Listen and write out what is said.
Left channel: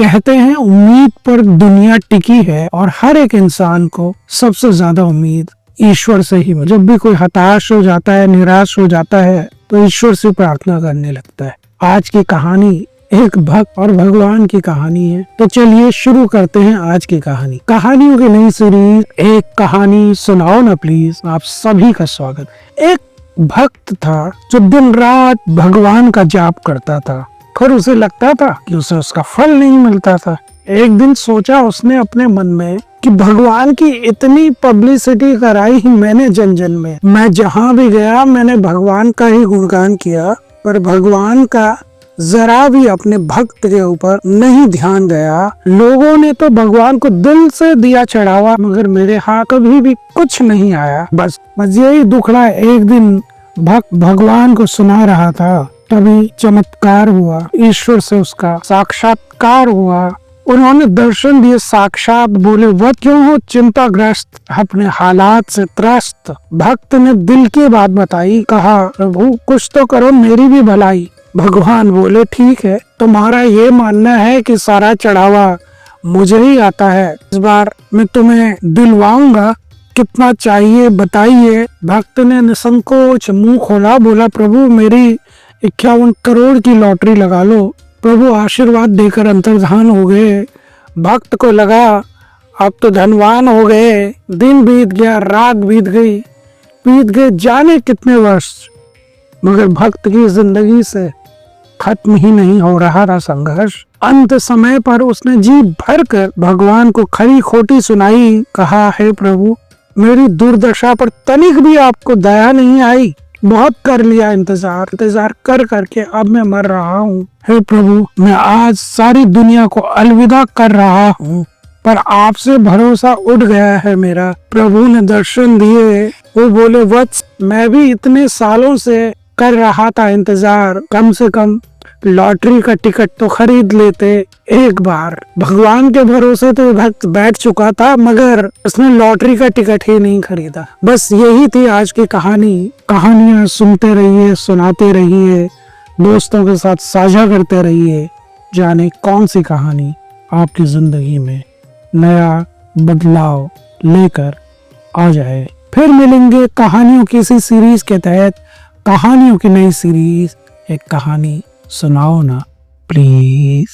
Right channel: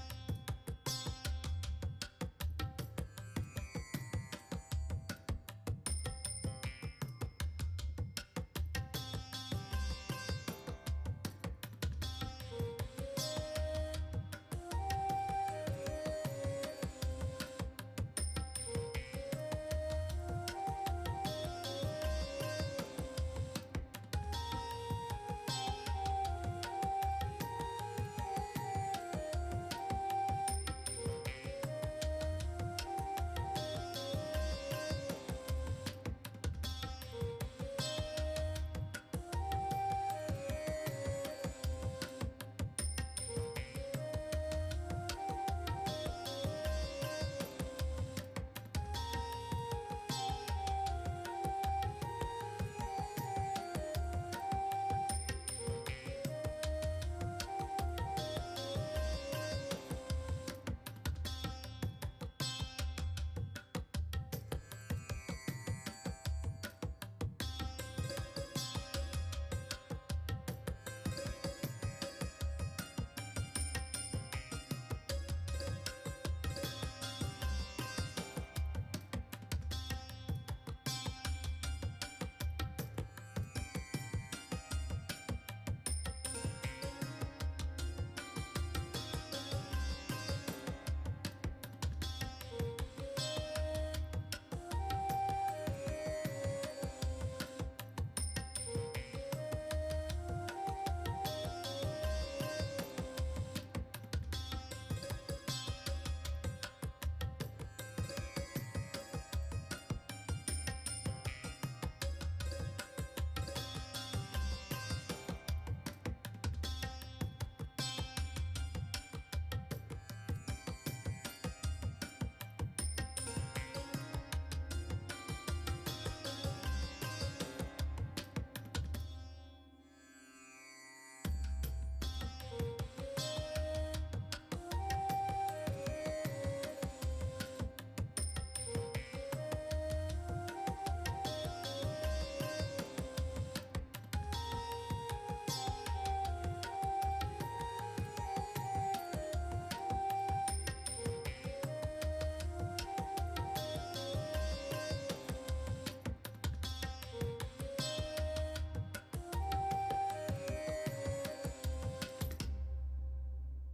कहते हैं उम्मीद पर दुनिया टिकी है और हर एक इंसान को सबसे ज्यादा उम्मीद ईश्वर से ही। जब भी कोई हताश हो जाता है, निराश हो जाता है, तो ईश्वर से प्रार्थना करने लगता है। आज की कहानी एक भक्त और भगवान की कहानी है। तो चलिए शुरू करते हैं आज की कहानी। कहानियों की नई सीरीज एक कहानी सुनाओ ना प्लीज, आप सभी का स्वागत। एक भक्त था जो दिन रात भगवान का जाप करता था, पर उसे लगता था कि उसे उसका फल नहीं मिलता था। एक दिन सोचा उसने अपने मन में कि भगवान की इतनी पब्लिसिटी कराई मैंने जन जन में, मैं जहाँ भी गया मैंने भगवान का ही गुणगान किया, पर भगवान का जरा भी अपने भक्त के ऊपर नहीं ध्यान गया। लोगों ने तो भगवान को दिल से दिया चढ़ावा, मगर मेरे हाथ कभी भी कुछ नहीं आया। बस यही दुखड़ा। एक दिन भक्त भगवान को सुना रहा था, तभी चमत्कार हुआ, ईश्वर से उसका साक्षात्कार हुआ। उन्होंने दर्शन दिए, साक्षात बोले, वह क्यों हो चिंताग्रस्त, अपने हालात से त्रस्त। भक्त ने दिल की बात बताई, कहा प्रभु कुछ तो करो, मेरी भी भलाई। भगवान बोले ठीक है, तुम्हारा ये मानना है कि सारा चढ़ावा मुझे ही आता है, इस बार मैं तुम्हें दिलवाऊंगा, कितना चाहिए बताइए। भक्त ने निसंकोच मुंह खोला, बोला प्रभु मेरी 51 करोड़ की लॉटरी लगा लो। प्रभु आशीर्वाद देकर अंतर्धान हो गए। भक्त को लगा अब तो धनवान हो गए। दिन बीत गया, रात बीत गए जाने कितने वर्ष, मगर भक्त की जिंदगी से खत्म ही नहीं हो रहा था संघर्ष। अंत समय पर उसने जी भर कर भगवान को खरी खोटी सुनाई, कहा हे प्रभु मेरी दुर्दशा पर तनिक भी आपको दया नहीं आई। बहुत कर लिया इंतजार कर करके अब मैं मर रहा हूँ। हे प्रभु मैं आज सारी दुनिया को अलविदा कर रहा हूँ, पर आपसे भरोसा उठ गया है मेरा। प्रभु ने दर्शन दिए, वो बोले वत्स मैं भी इतने सालों से कर रहा था इंतजार, कम से कम लॉटरी का टिकट तो खरीद लेते एक बार। भगवान के भरोसे तो भक्त बैठ चुका था, मगर उसने लॉटरी का टिकट ही नहीं खरीदा। बस यही थी आज की कहानी। कहानियां सुनते रहिए, सुनाते रहिए, दोस्तों के साथ साझा करते रहिए, जाने कौन सी कहानी आपकी जिंदगी में नया बदलाव लेकर आ जाए। फिर मिलेंगे कहानियों की इसी सीरीज के तहत, कहानियों की नई सीरीज एक कहानी सुनाओ ना प्लीज।